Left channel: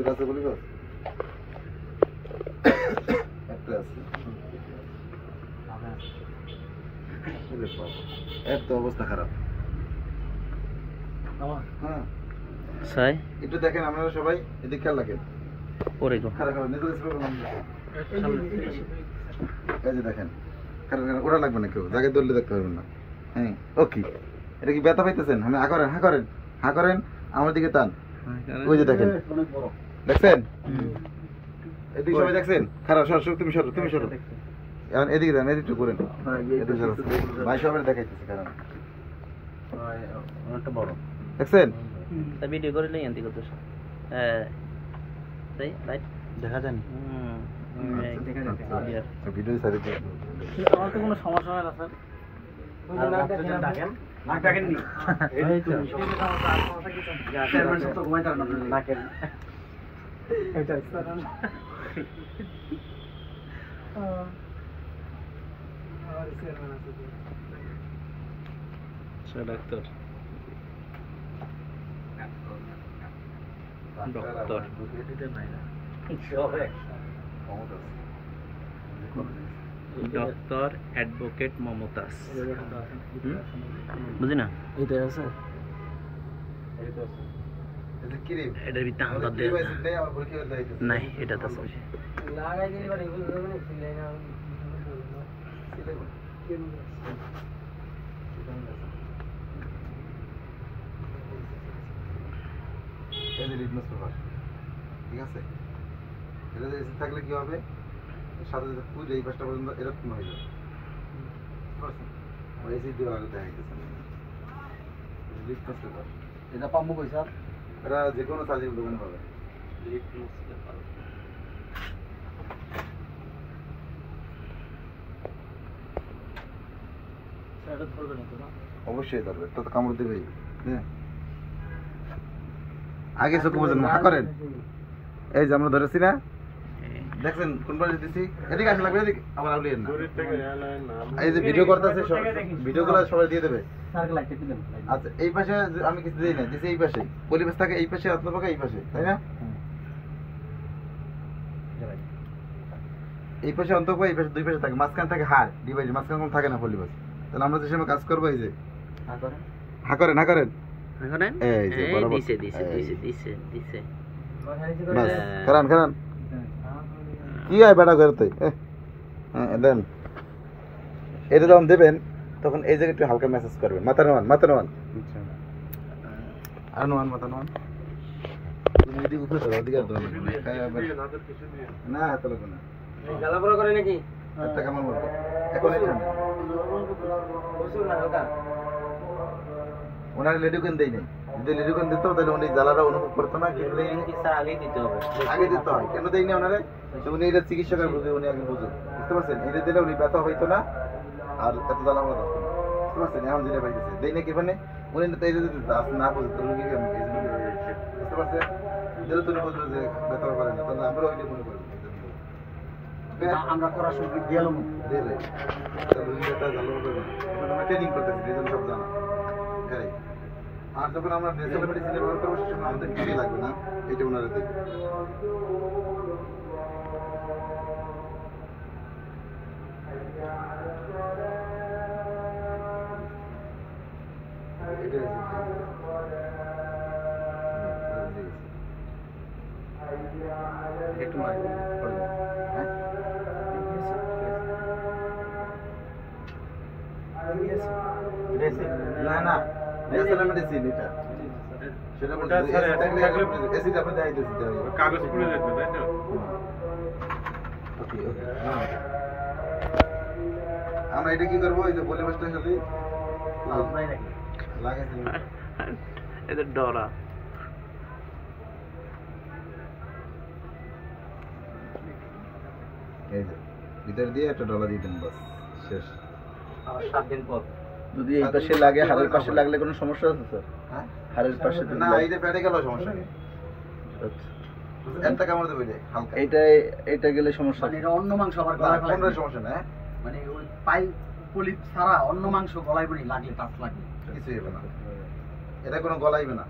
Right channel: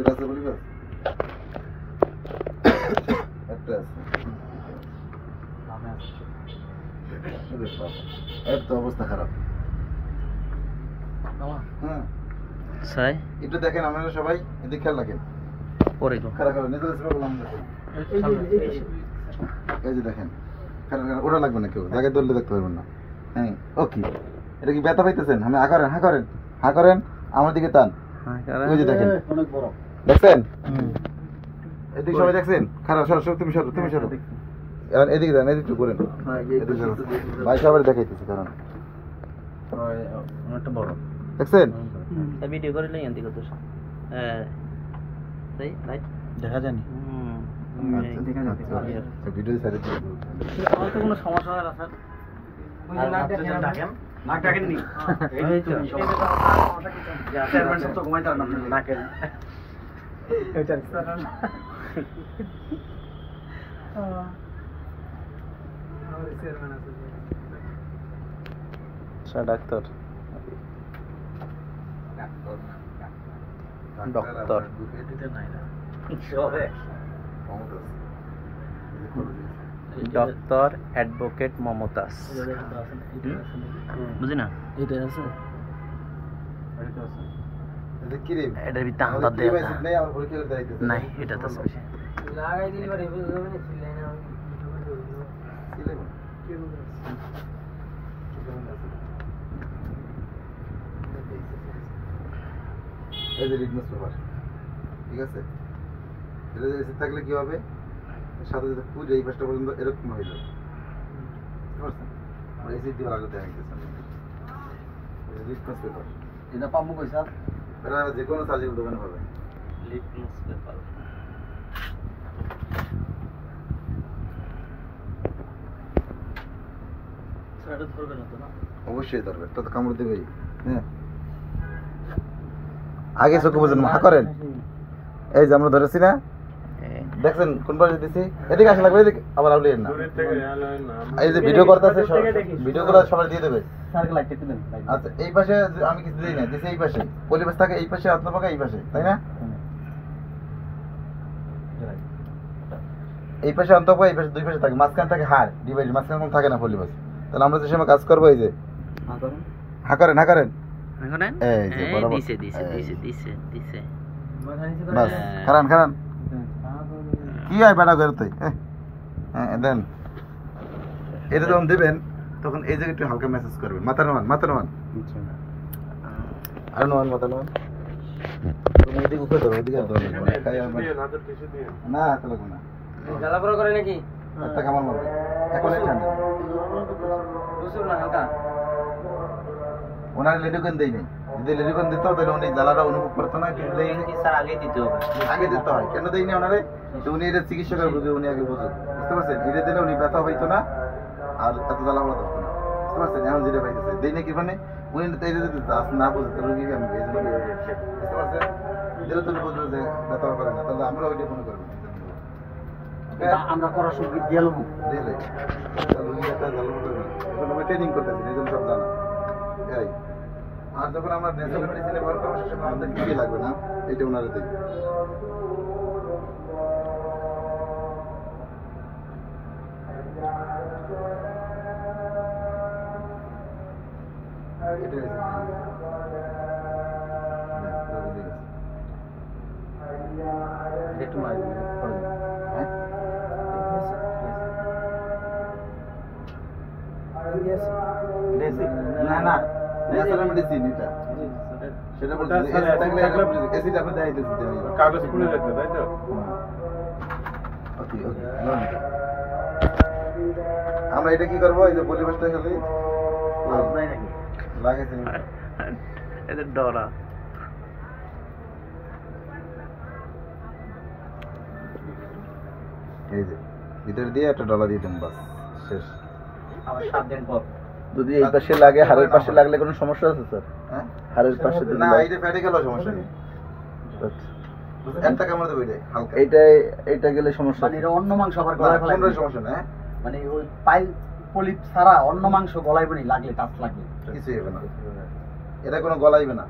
দুটো আছে বলি বাস একটা আছে এর তো অবস্থা খারাপ হ্যাঁ সাই একটু দেখেন আপনারা সবাই এদিকে খেয়াল রাখেন পরে তো খারাপ খারাপ নিজের এই যে দেখেন খারাপ খারাপ ওটা লাগবে না কেউ জায়গায় দৌড়লে দেখতে পারবেন না হ্যাঁ ওকে এটা কি ব্যথা পাইতেছেন আমি হা করেন আমার দিকে টান ওই যে দেখেন দেখছেন এদিকে সবাই দেখছেন খারাপ সরো তুমি সরো এখন এদিকে দেন এদিকে করেন ভাই সবাই দেখাইতেছি কারণ অনেকটা বড় দেখছেন ভিডিও করে লই এন্টি করতেছ হ্যাঁ তাই রাইট দেখা জানি ভিডিও সাইডে আমার তো কোনো সমস্যা হয় না স্যার নাক ডাকেন নি এই তো চেয়ারম্যান সব তো ঘুমাইতে পারেন আপনি নাকের এটা sir sir doctor doctor advocate Mumtaz বুঝি না এটা আছে এটার ভিতরে আন্দাজ দেয় নাই এটা তো লাগাই দিলে পরে বুঝবে না সিলাই না এই যে লিটমাস পেপার ঠিক আছে এটা এসে থাকলে কি হবে সাথে সাথে পুরো এই পাশটা পর্যন্ত এরকম হয়ে যাবে আর এই দিয়ে আলাদা দেখা গেছে লিটমাস পেপার এটা পাম্পু পয়সা এটা যে কোনো চার্জের দোকানে হবে লিটমাস পেপার সাড়ে ধরবে না তো না অবশ্যই ধরবে তো কামড় দেবে হ্যাঁ আগে চোখে বুঝেন হা করেন এই যে আমরা ধরেছি না দেখছেন কোন পাশে দিছি এদিকে আসা লাগবে এদিকে আবার আউলিয়েন না এই যে ভিডিও করতেছে ভিডিও গুলো সবাই দিয়ে দেবে আচ্ছা এই পাশে আমি কিছু দিই না দিছি এই পাশে পরিবেশ থাকে এই পাশে আত্মপাকা এই পাশে তাই না এই পাশে অন্তপাকা এই পাশে দুই পাশে থাকে মাঝখান থাকে হাড় ডিভাইড মাঝখান কোনো থাকে না পরিবেশ তাহলে আমরা যে সময় কাজ করবো এই যে হা করেন এই যে বরাবর দিছে বাস খারান কি হয় বেটা করতে হ্যাঁ দেন এটা যখন দেবেন তখন এই জায়গায় একটু হালকা মেসেজ করবেন মাথা নোয়ান আর নোয়ান মাথা নোয়ান তুমি এদিকে উঠে ধরো এদিকে ধরো না হাতে লাগবে না জ্বালাপোড়া করে নাকি একটা কামাল মারবে এখন এই ঠান্ডা ওনার লেডিকেন দেয় নেই যদি লেডিকেন দিত তাহলে উনি জ্বালাটা অনুভব করতো না কিন্তু আগে দিতে হয় কেন দেয় না ওনারে উনি এটা চিকিৎসা করে বুঝে উনি আগে বুঝে বুঝতে পারছেন এটা দিলে উনি ব্যথা পাইতো না আর এত জ্বালা পড়া থাকতো না বুঝতে পারছেন এখন যেটা পাইতেছে দেয় না কি মানে উনি না বুঝে তো রুগী কেন এই জন্য বুঝতে পারছেন যেহেতু উনি বুঝবে যে ব্যথা করে না তাহলে আমরা ওইটা মনে করবো আমরা করার সময় গেল দিলে উনি ব্যথা জ্বালা করবে আমরা ট্রেনিং করতেছি এই জন্য সব জানা আর যখন আমরা ন্যাচারাল মেডিসিন ব্যবহার করবো সে সময় আমাদের কিছুই লাগবে না এটা ওনারা দেখবে না ন্যাচারাল মেডিসিন এটা সেটা বলতে অ্যাসিড আপনি দেখাইতেছি কাগজ পুড়ে যাবে তাই তো ওকে আমরা এটা কি করব এই যে পরিবেশটা খালি লাগাইছেন এদের ডরা এই যে ভিতর দিয়ে একটা ডলা দিয়ে দেন বাস শেষ আবার 7 দিন পর যদি এই পাশে লাগে হাড়ের পাশে লাগলে কোনো সমস্যা আছে স্যার হ্যাঁ হাড়ের পাশে না এই যে পেটে গেল সমস্যা নেই একটা কামড় দেবে হালকা এইটা গেলে সমস্যা মানে এটা অন্য মাংস আবার গলায় ফেলে কোনো সমস্যা না মানে ওই পাইল পলিপ ছাড়া অন্য মাংস গলায় বনি লাগলে টাফ লাগবে কিছু হবে না এটা কোনো গলাইবে না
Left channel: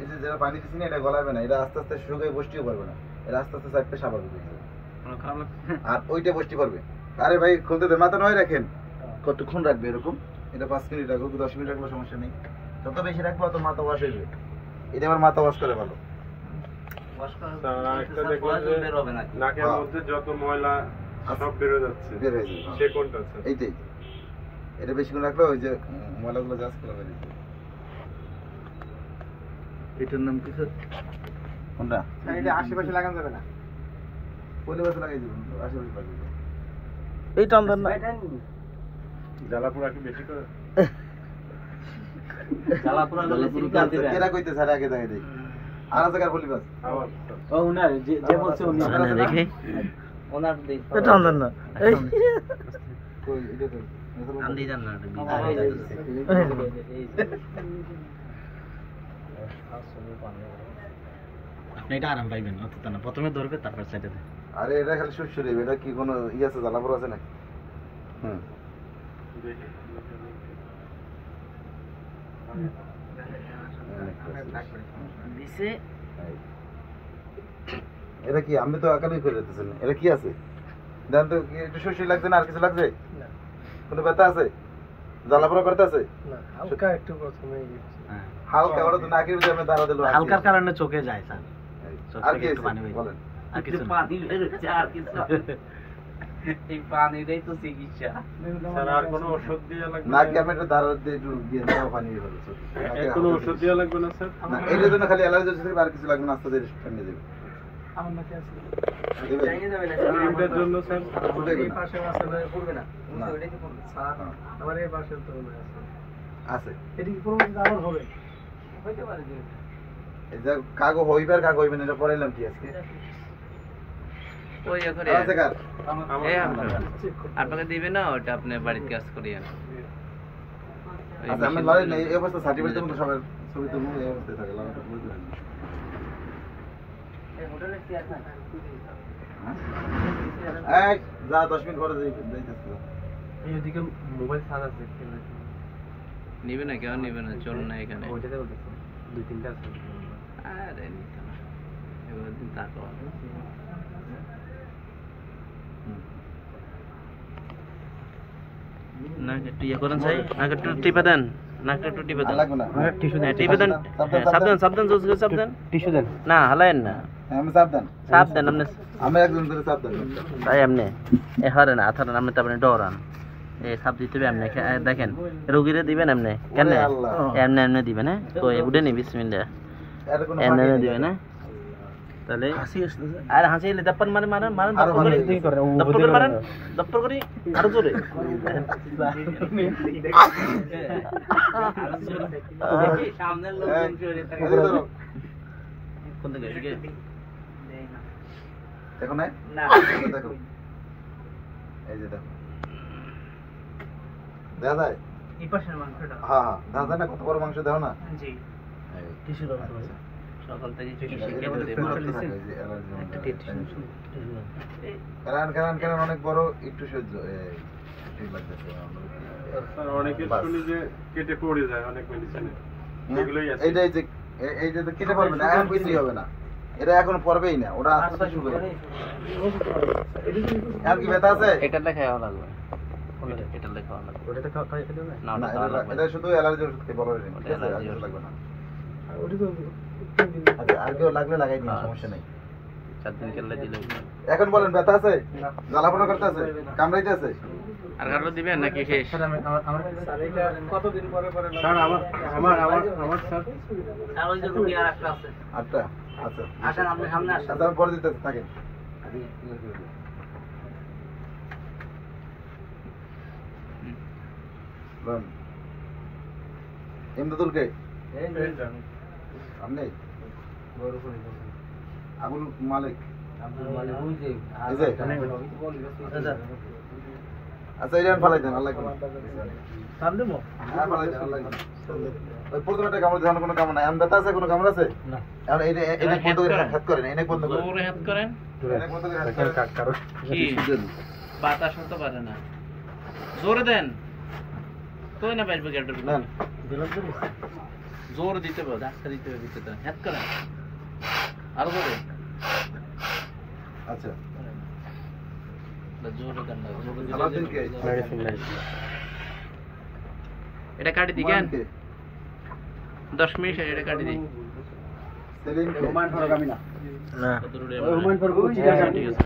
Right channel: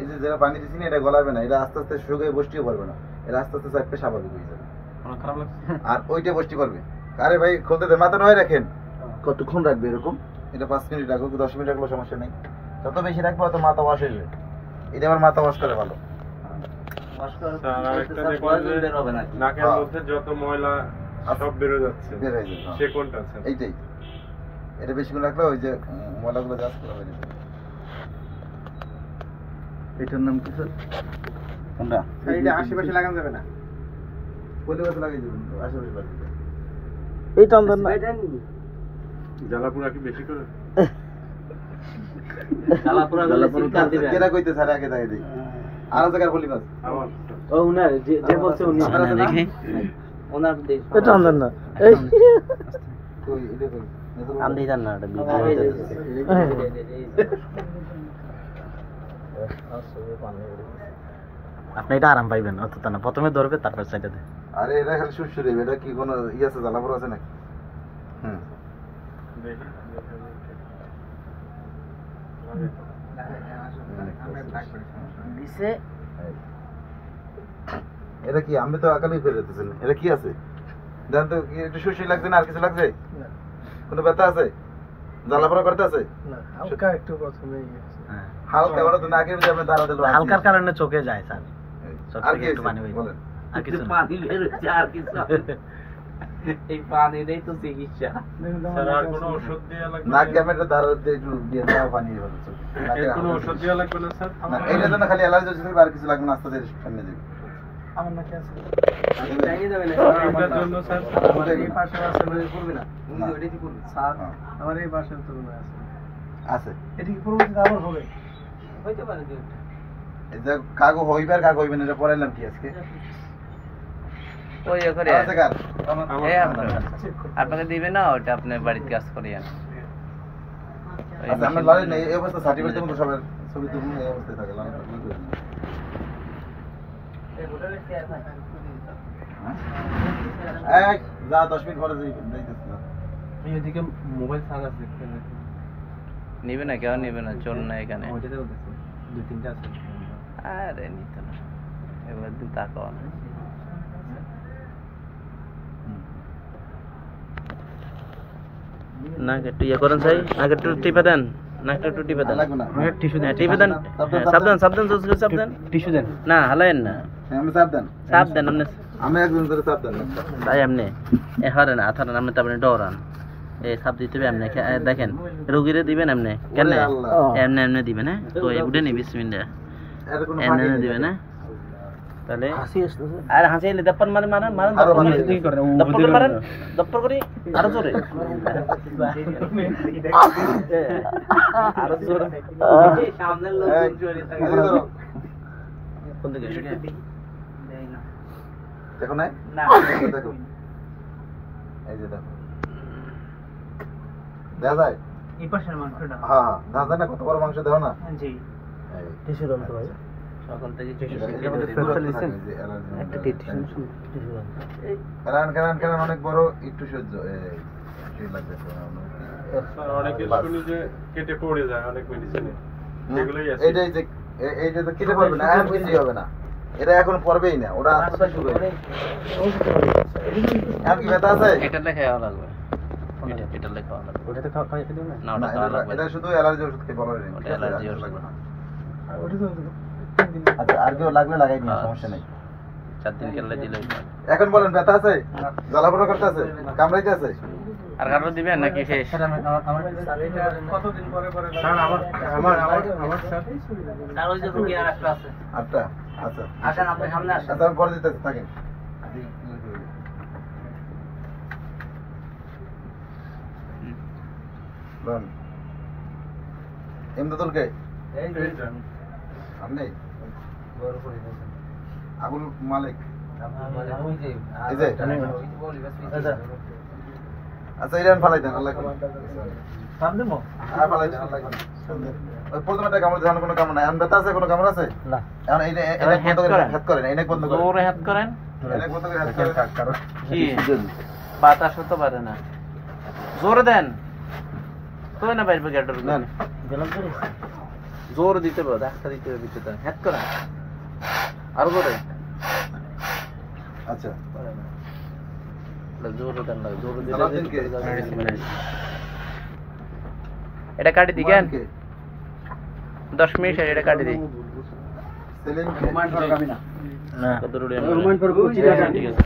এই যে যারা পানি দিচ্ছি না এটা গলাবে না, এটা আস্তে আস্তে শুকিয়ে বসতেও পারবে না, এটা আস্তে আস্তে চাপতে স্বাভাবিক হয়ে যাবে। আর ওইটা বসতে পারবে। আরে ভাই খুলতে দে, মাথা নয় রাখেন। কতক্ষণ রাখবে এরকম? এটা 5 মিনিট রাখো, 10 মিনিট রাখলেও সমস্যা নেই। যত বেশি রাখবো তত মাথা ওয়াশ হয়ে যাবে। এটা আমার মাথা ওয়াশ করে ভালো। নাকের মধ্যে যত ময়লা সব বেরো যাচ্ছে, বের হয়ে যাবে। সে কোনটা স্যার? এইটাই, এটা বেশিক্ষণ রাখলে ওই যে ময়লাগুলো জাস্ট করে বেরিয়ে যাবে। এটার নাম কি স্যার? কোনটা? এইটা আশেপাশে লাগানো যাবে না, পরিবেশে লাগিয়ে দেবেন, আশেপাশে লাগিয়ে দেবেন। এইটা অন্তর না, জ্বালাপোড়া কি বেশি করে? কেনা কইতে স্যার আগে দাঁড়িয়ে দিই আর জায়গার বলি বাস। ও উনার যে বলছে উনি না দেখে ওনার দেখ, এটা অন্তর না, এই কই এটা কই আন্দি জান না, এটা ভিডিও আপনি এটা আরাম পাইবেন অত না, প্রথমে ধরবে তারপর সাইডে দে। আরে এটা খালি সুস্থ দেবে, এটা কি কোনো ই আছে, জ্বালাপুর আছে না? হুম, দিছে এটা কি? আমি তো আকালি ফেলে দিতেছেন, এটা কি আছে? দেন তো, একটু সুস্থ লাগছে না? আর কিছু লাগছে? কোনো ব্যথা আছে? জ্বালাপুরা করতে আছে? হালকা একটু প্রথমে হালকা, ওটা তো নাকের মধ্যে আমি দাঁড়া দিলাম। হালকার কারণে চোখে যায় স্যার, চোখ আর থেকে কি একটু পানি বের বলেন? আর কিছু না। পানি বের হচ্ছে আর কিছু না। এই পানিটাই তো চিকিৎসা। স্যার আর কোনো ওষুধ দেওয়া লাগবে নাক না? ক্যামেরা দাঁড়া দিয়ে একটু দিয়ে দাও, পানি বের হচ্ছে। এর কোনো ওষুধ দেওয়া লাগবে না স্যার? না, এইটার জন্য খালি অ্যালার্জি হচ্ছে, আর কিছু লাগবে না, আস্তে আস্তে সামনে দেবে। আমার নাকি আছে এটার জন্য স্যার এই পাশে আছে মানে পড়বে না, না। ওইটাই তো পড়বে স্যার, হ্যাঁ। আমার এই পাশে তো মনে আছে, আছে। এটা কি পরবর্তীতে আবার হবে? হইতে পারে যে এই যে কাগো হইবার কাগো হইবে না, এটা পড়াইলাম কি আজকে? ওই করে আছে কার? এই আপনাকে দিবে না, ওটা আপনি বাড়িতে কাজ করিয়েন। আচ্ছা, আমরা লড়াই নেই, এই অবস্থা সার্টিফিকেট দেবো সবার ছবি তো এই অবস্থায় থাকে, লড়াই করতে হবে। এই যা 10 মিনিট পরে যাইতেছে। এইদিকে মোবাইল চার্জ আছে, নিবে না, কেউ নিবে না, চল না এখানে। ওইটাতে বলতেছে 2-3টা আছে। আরে নিত না, এবার দিন তাকাও না। নাক একটু ইয়ে করেন চাই, নাক একটু টিপে দেন, নাকটা একটু টিপে দেন। লাগবে না। আমাকে টিস্যু হ্যাঁ, টিপে দেন। হ্যাঁ, সাবধান সাবধান, জোস করে সাবধান। টিস্যু দেন। না হালায়েন না, আমি চাপ দেন। চাপ দেন আপনি। আমি একজন করে চাপ দেন। তাই আপনি এ হরেন আথরেন, আপনি তারপরে ডরান। এই সাপ দিতে হবে এমনি, দেখেন রোগীরে দিবেন এমনি, কেন ওরে আল্লাহ। এমনি এমনি দিবেন। হ্যাঁ ওই উঠে নি বিসমিল্লাহ, এর কোনো এমনি ফাঁকি এমনি নেই। দিবেন। হ্যাঁ তাহলে হাসি আসছে আর হাসিলে দপ্পর মারেন মারেন মারেন, আরো দপ্পর করে ভালো। দপ্পর করে মারেন, দপ্পর করে আরো জোরে, আরো জোরে। সামনের লোক এই, জোরে থাকে। এই ধরো। কোন দিকে এদিকে? দেখো না? না দেখো। এই যে দেখো। দেখা যায়? এই পাশের মাংসটা। হ্যাঁ হ্যাঁ, দেখা যায় না কত বড় মাংস, দেখো না? জি এই। টিস্যু দাও তো ভাই, সকাল থেকে কিছু এটার শিখিয়ে মধ্যে দিতে ফেরত হবে। থাকে, এই যে অ্যালার্জি একটা নামটা। টিস্যু কারণ অনেক বড়, একটু সহ্য এই লাগতেছে। স্যার অনেকে শুনি যে কেটে পড়ে যায় অনেক মেডিসিনে, এগুলোই আছে। এইটাই যে এই যে কেটে পড়বে না, এখন কিছুই হবে না, এটা এখন পড়বেই না, ওটা আস্তে আস্তে শুরু হবে। এখন কি ব্যথা আছে? এটা লেখা খাওয়া লাগবে, এটা লেখা খাওয়া লাগবে। ওটাতে খাই খেতে না, না না, ওটা খাওয়া লাগবে এটা শুধু অ্যালার্জি ওষুধ খেয়ে ভালো হয়ে যাবে, ওটা ঠিক আছে? আর অ্যালার্জি কিছু ওষুধ। লাগবে না। ওটা তো আচ্ছা, আর কেউ লাগলে লাগাই নিন, সমস্যা নেই। 4 দিন কেলে দিলে হইতো। এখন বলেন, ব্যথা আছে? জ্বালাপোড়া করতে আছে? কামড়াইতে আছে? আর কারো দিবেন নাকি শেষ? আমার এটা কতদিন পরে পরে স্যার আমার স্যার আর ওই যে রোগী আরেকটা আছে। আটটা? আচ্ছা আসেন আপনি সামনে আসেন। আচ্ছা, আমি পরে দিতে থাকেন। লন এমদাদুল কে? আপনি? আবুল মালিক? এই যে? আচ্ছা, এটা আমি ফালাই দেন, আল্লাহ করে। কাম দেবো আর ফালাই দেন, আল্লাহ করে। ওই প্রথমে কামড় দেওয়ার কোনো কামড় নাই। এখন ব্যথা আছে? কোনো কামড় আছে? না, এখন এই এবার head করেন। হাত করেন, এই নাক বন্ধ করেন। জোরে হাত করেন। এই নাক বন্ধ করে হাত করেন। কি বাতাস হতে পারে না, জোরে দেন তো না বাইরে গেটের নেন। গেলাম তো জোর দিতে পারো, ধাক্কা দিতে হবে ভিতরে, হ্যাট করে আরো জোরে। আচ্ছা জোরে দেন না, জোরে দিলে সালাদিন কে? এটা কাটি দিকেন কে? 10 মিনিট এটা কাটি দিই। সেলিম কে? হুমায়ুন ফরক আমি না। কত রুড়ি হুমায়ুন ফরক ঠিক আছে।